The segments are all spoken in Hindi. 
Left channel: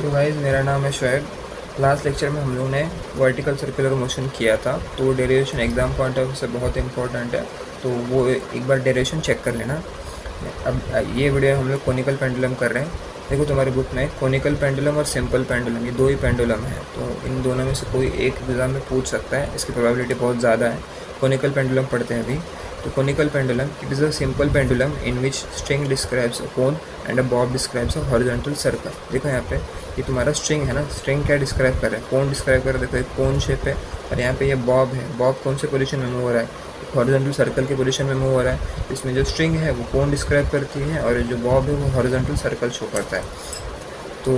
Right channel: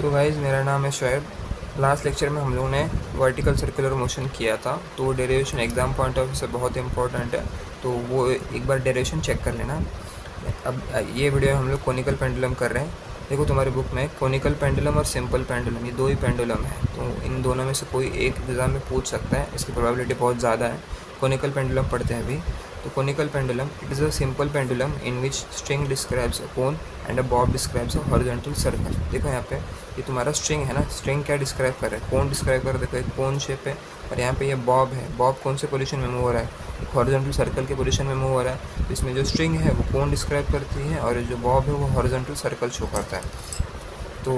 तो गाइस मेरा नाम है शोएब। लास्ट लेक्चर में हम लोगों ने वर्टिकल सर्कुलर मोशन किया था, तो वो derivation exam point of view से बहुत इंपॉर्टेंट है, तो वो एक बार डेरिवेशन चेक कर लेना। अब ये वीडियो हम लोग कोनिकल पेंडुलम कर रहे हैं। देखो तुम्हारी बुक में कोनिकल पेंडुलम और सिंपल पेंडुलम, ये दो ही पेंडुलम है, तो इन दोनों में से कोई एक एग्ज़ाम में पूछ सकता है, इसकी प्रोबेबिलिटी बहुत ज़्यादा है। कोनिकल पेंडुलम पढ़ते हैं अभी। तो conical pendulum, it is a simple pendulum in which string describes a cone and a Bob describes a horizontal circle. देखो यहाँ पे ये तुम्हारा स्ट्रिंग है ना, स्ट्रिंग क्या डिस्क्राइब कर रहा है, कोन डिस्क्राइब कर रहा है। देखो एक कोन शेप है और यहाँ पे ये बॉब है। बॉब कौन से पोजीशन में मूव हो रहा है, हॉरिजॉन्टल सर्कल के पोजीशन में मूव हो रहा है। इसमें जो स्ट्रिंग है वो कोन डिस्क्राइब करती है और जो बॉब है वो हॉरिजॉन्टल सर्कल शो करता है। तो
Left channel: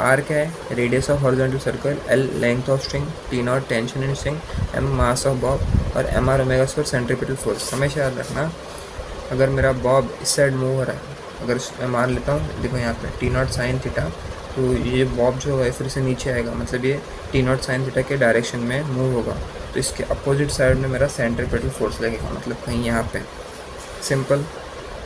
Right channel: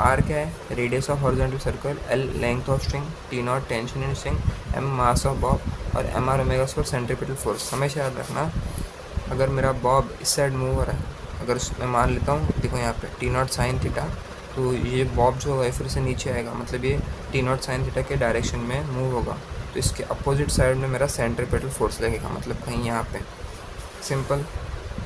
आर क्या है, radius of horizontal circle, L length of string, T naught tension in string, M mass of bob और M R omega square centripetal force. हमेशा याद रखना, अगर मेरा बॉब इस साइड मूव हो रहा है, अगर मैं मान लेता हूँ, देखो यहाँ पे टी नॉट साइन थीटा, तो ये बॉब जो है फिर से नीचे आएगा, मतलब ये टी नॉट साइन थीटा के डायरेक्शन में मूव होगा, तो इसके अपोजिट साइड में मेरा सेंट्रीपिटल फोर्स लगेगा, मतलब कहीं यहाँ पे। सिंपल।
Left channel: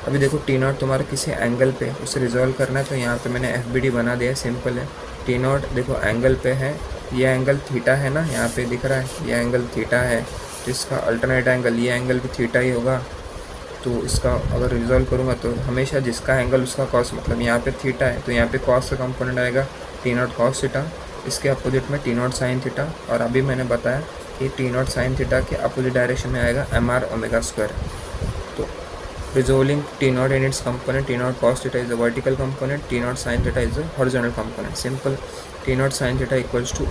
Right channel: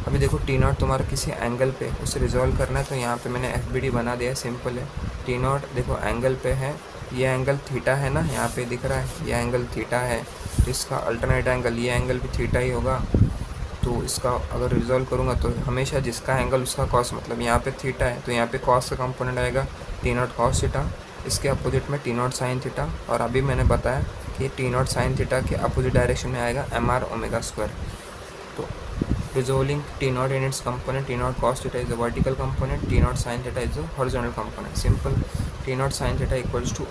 अभी देखो टी नॉट तुम्हारा किसी एंगल पे, उसे रिजॉल्व करना है, तो यहाँ पे मैंने एफ बी डी बना दिया, सिंपल है। टी नॉट देखो एंगल पे है, ये एंगल थीटा है ना, यहाँ पे दिख रहा है ये एंगल थीटा है, इसका अल्टरनेट एंगल ये एंगल भी थीटा ही होगा। तो इसका अगर रिजॉल्व करूँगा तो हमेशा जिसका एंगल उसका कॉस, मतलब यहाँ पे थीटा है तो यहाँ पे कॉस का कंपोनेंट आएगा टी नॉट कॉस थीटा, इसके अपोजिट में टी नॉट साइन थीटा, और अभी मैंने बताया कि टी नॉट साइन थीटा के अपोजिट डायरेक्शन में आएगा एम आर ओमेगा स्क्वायर। तो resolving T naught in its component, T naught cos theta is a vertical component, T naught sin theta is a horizontal component. Simple. T naught sin theta equals to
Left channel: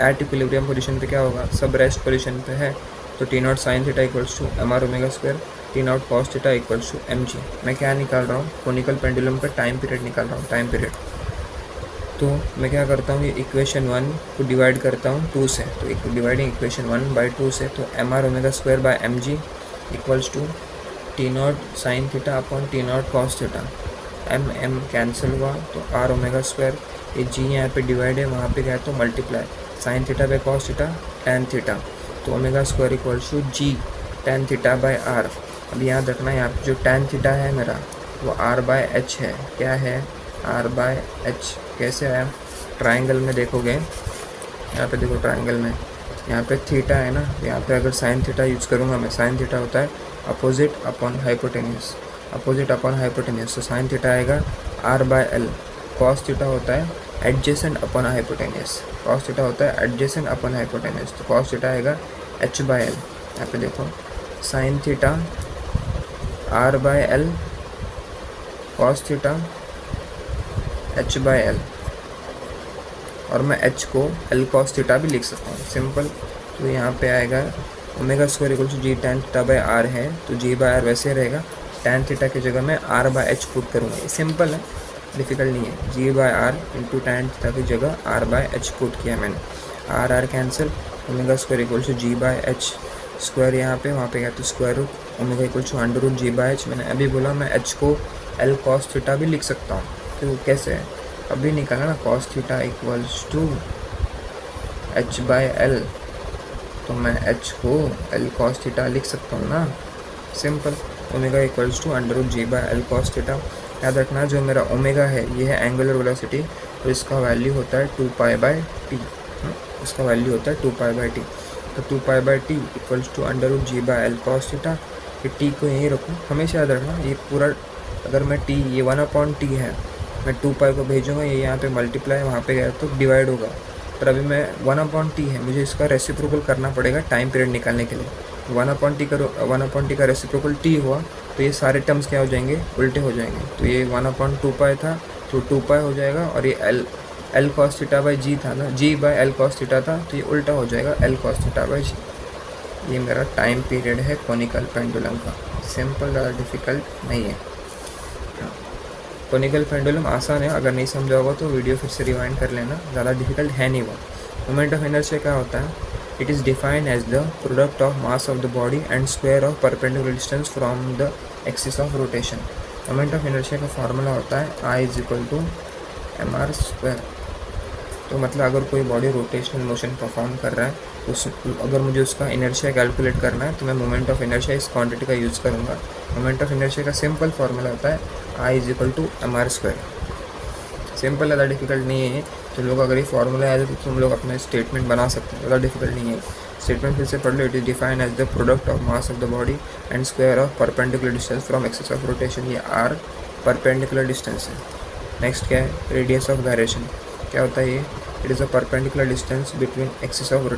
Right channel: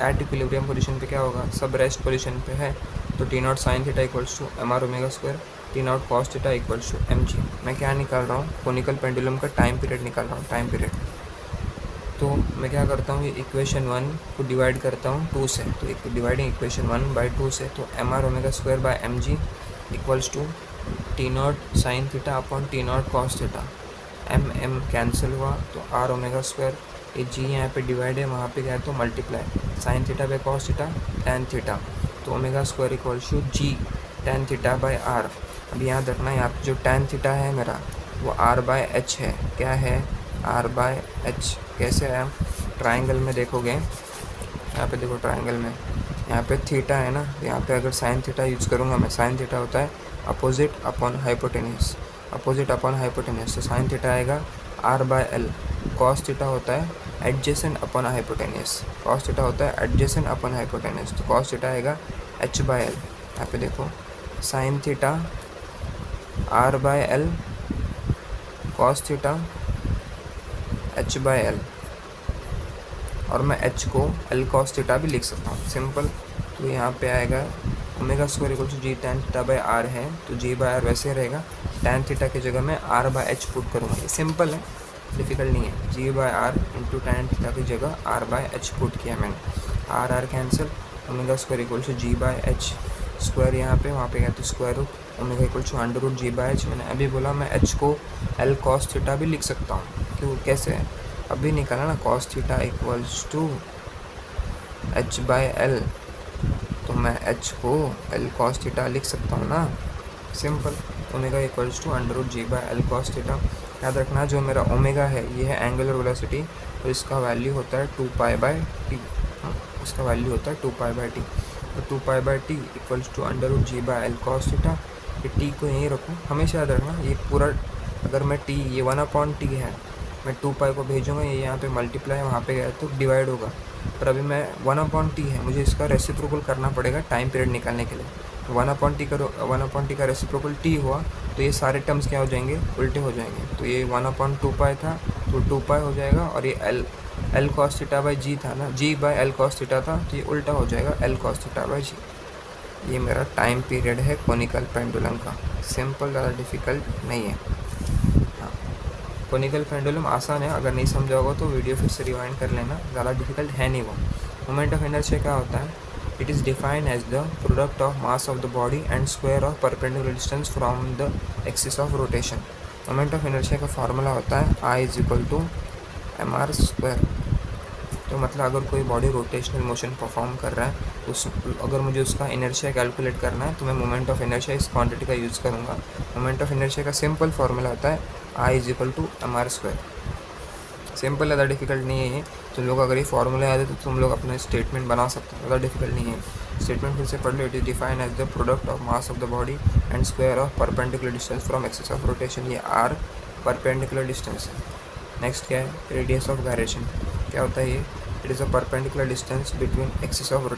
at equilibrium position पे क्या होगा, सब रेस्ट पोजिशन पे है, तो T naught sin theta equals to M R omega square, T naught cos theta equals to M G. मैं क्या निकाल रहा हूँ, कोनिकल पेंडुलम का टाइम पीरियड निकाल रहा हूँ, टाइम पीरियड। तो मैं क्या करता हूँ, ये इक्वेशन 1 को डिवाइड करता हूँ 2 से, तो डिवाइडिंग इक्वेशन 1 बाई 2 से, तो M R omega square by M G equals to T naught sine theta upon T naught cos theta. M M cancel हुआ तो आर ओमेगा स्क्वायर, ये जी यहाँ पे डिवाइड है, वहाँ पे गया तो multiply, sine theta by cos theta tan theta, तो omega square equals to G tan theta by R. अब याद रखना यहाँ पे जो टेन थीटा है मेरा वो आर बाय एच है। क्या है, आर बाय एच। कैसे आया, ट्राइंगल में देखोगे, यहाँ पे देखो ट्राइंगल में यहाँ पे थीटा है ना, यहाँ पे अगर साइन थीटा यूज़ करूँगा मैं, साइन थीटा होता है opposite upon hypotenuse, opposite upon hypotenuse, तो साइन थीटा आएगा R by L. Cos theta होता है adjacent upon hypotenuse, cos theta होता है एडजेसेंट अपॉन हाइपोटेन्यूस, तो कॉस थीटा आएगा एच बाय एल। यहाँ पे देखो sine theta R by L, cos theta H by L, और मैं एच को एल कॉस थीटा भी लिख सकता हूँ, सिंपल। तो यहाँ पे आएगा omega square equal to G tan theta by R है, तो जी बाय आर वैसे रहेगा, टेन थीटा की जगह मैं आर बाय एच पुट करूँगा, ये सिंपल है, डिफिकल्ट नहीं है। G by R into tan theta की जगह आर बाय एच पुट किया मैंने, R R cancel, omega square equal to G by H square, यहाँ पे वहाँ पे गया तो square root, omega equal to under root G by H. मैंने अभी बोला मैं एच को एल कॉस थीटा भी लिख सकता हूँ, तो कैसे है अभी निकाला ना, cos theta equals to H by L, तो मैं एच को एल कॉस थीटा लिख सकता हूँ ना, simple. Omega equals to under root G by L cos theta. याद रखना जो मेरा ओमेगा है ये है एंगुलर वेलोसिटी, तो इसका वैल्यू होता है 2 पाई बाय टी, इसका वैल्यू होता है 2 पाई बाय टी, तो 2 pi by T equals to under root G by L cos theta. ये टी को यहीं रखूँ, हमेशा याद रखना ये पूरा, अगर मैं टी, ये 1 अपॉन टी है, मैं 2 पाई को भेजूँगा, ये यहाँ पे मल्टीप्लाई वहाँ पे गया तो डिवाइड होगा, पर अभी मैं 1 अपॉन टी है, मुझे इसका रेसिप्रोकल करना पड़ेगा टाइम पीरियड निकालने के लिए। 1 अपॉन टी का रेसिप्रोकल टी हुआ तो ये सारे टर्म्स क्या हो जाएंगे, उल्टे हो जाएंगे, तो ये 1 अपॉन 2 पाई था तो 2 पाई हो जाएगा, और ये एल कॉस थीटा बाई जी था ना, जी बाय एल कॉस थीटा था, तो ये उल्टा हो जाएगा एल कॉस थीटा बाई जी। ये मेरा टाइम पीरियड है कोनिकल पेंडुलम का, सिंपल, ज़्यादा डिफ़िकल्ट नहीं है। हाँ, कोनिकल पेंडुलम आसान है, अगर नहीं समझा होगा तो वीडियो फिर से रिवाइंड कर लेना, ज़्यादा डिफिकल्ट है नहीं वो। मोमेंट ऑफ इनर्शिया क्या होता है, it is defined as the product of mass of the body and square of perpendicular distance from the axis of rotation. Moment of inertia का फार्मूला होता है I is equal to M R square. तो मतलब अगर कोई बॉडी रोटेशनल मोशन परफॉर्म कर रहा है तो अगर मुझे उसका इनर्शिया कैलकुलेट करना है तो मैं मोमेंट ऑफ इनर्शिया इस क्वांटिटी का यूज़ करूँगा। मोमेंट ऑफ इनर्शिया का सिंपल फार्मूला होता है I is equal to M R square. Simple, ज़्यादा डिफिकल्ट नहीं है। तुम लोग अगर ये फॉर्मूला याद है तो तुम लोग अपना स्टेटमेंट बना सकते हो, ज़्यादा डिफिकल्ट नहीं है। स्टेटमेंट फिर से पढ़ लो। It is defined as the product of mass of the body and square of perpendicular distance from axis of rotation. ये आर परपेंडिकुलर डिस्टेंस है। नेक्स्ट क्या है, रेडियस ऑफ गायरेशन। क्या होता है ये, it is a perpendicular distance between axis of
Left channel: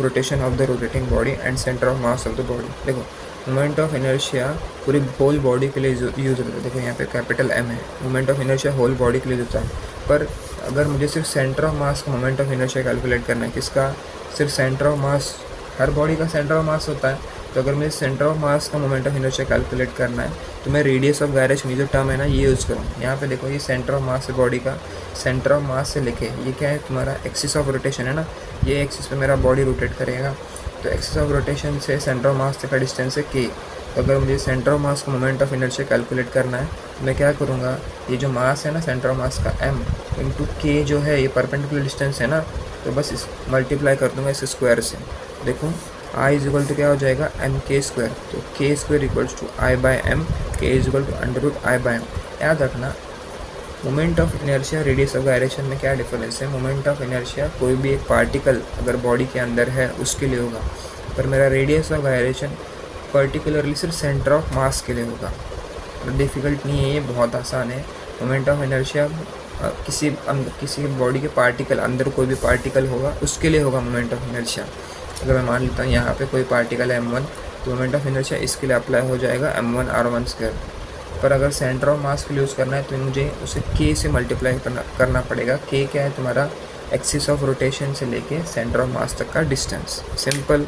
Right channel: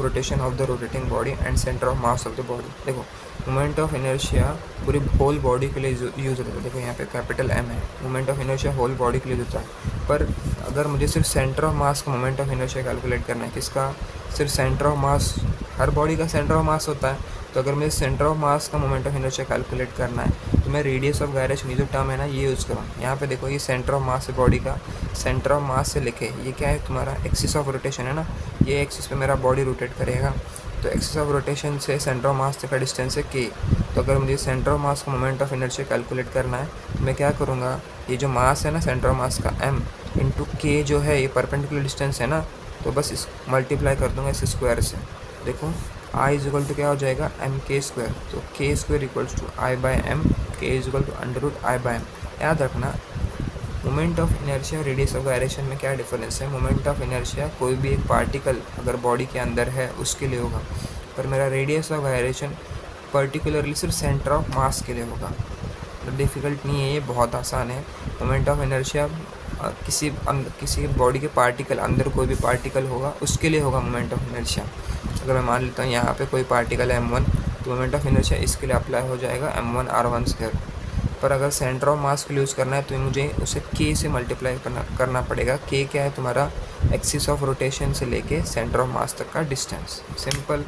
rotation of the rotating body and centre of mass of the body. देखो मोमेंट ऑफ इनर्शिया पूरी होल बॉडी के लिए यूज़ होता है। देखो यहाँ पे कैपिटल एम है, moment of inertia whole body के लिए होता है। पर अगर मुझे सिर्फ सेंटर ऑफ मास का मोमेंट ऑफ इनर्शिया कैलकुलेट करना है, किसका, सिर्फ centre of mass, her body का सेंटर ऑफ मास होता है। तो अगर मुझे सेंटर ऑफ मास का मोमेंट ऑफ इनर्शिया कैलकुलेट करना है तो मैं रेडियस ऑफ गायरेशन, ये जो टर्म है ना, ये यूज़ करूँ। यहाँ पे देखो ये सेंटर ऑफ मास है बॉडी का, सेंटर ऑफ मास से लेके ये क्या है तुम्हारा एक्सिस ऑफ रोटेशन है ना, ये एक्सिस पे मेरा बॉडी रोटेट करेगा। तो एक्सिस ऑफ रोटेशन से सेंटर ऑफ मास तक का डिस्टेंस है के। तो अगर मुझे सेंटर ऑफ मास का मोमेंट ऑफ इनर्शिया कैलकुलेट करना है तो मैं क्या करूँगा, ये जो मास है ना सेंटर ऑफ मास का m इंटू के जो है, ये परपेंडिकुलर डिस्टेंस है ना, तो बस इस मल्टीप्लाई कर दूँगा इस स्क्वायर से। देखो I इज इक्वल टू क्या हो जाएगा, एम के स्क्वायर। तो K square equals to I by M, K is equal to under root I by M. याद रखना moment of inertia radius of gyration में क्या डिफरेंस है। मोमेंट ऑफ इनर्शिया कोई भी एक पार्टिकल अगर बॉडी के अंदर है उसके लिए होगा, पर मेरा रेडियस ऑफ गायरेशन पर्टिकुलरली सिर्फ सेंटर ऑफ मास के लिए होगा। डिफ़िकल्ट नहीं है, ये बहुत आसान है। मोमेंट ऑफ इनर्शिया किसी बॉडी के पार्टिकल, अंदर कोई भी पार्टिकल होगा उसके लिए होगा मोमेंट ऑफ इनर्शिया। अगर मैं मान लेता हूँ यहाँ पे कोई पार्टिकल है m1, तो मोमेंट ऑफ इनर्शिया इसके लिए अप्लाई हो जाएगा m1 r1 स्क्वायर। पर अगर सेंटर ऑफ मास के लिए यूज़ करना है तो मुझे उसे k से मल्टीप्लाई करना पड़ेगा। k क्या है तुम्हारा, एक्सिस ऑफ रोटेशन से लेके सेंटर ऑफ मास तक का डिस्टेंस। सिंपल।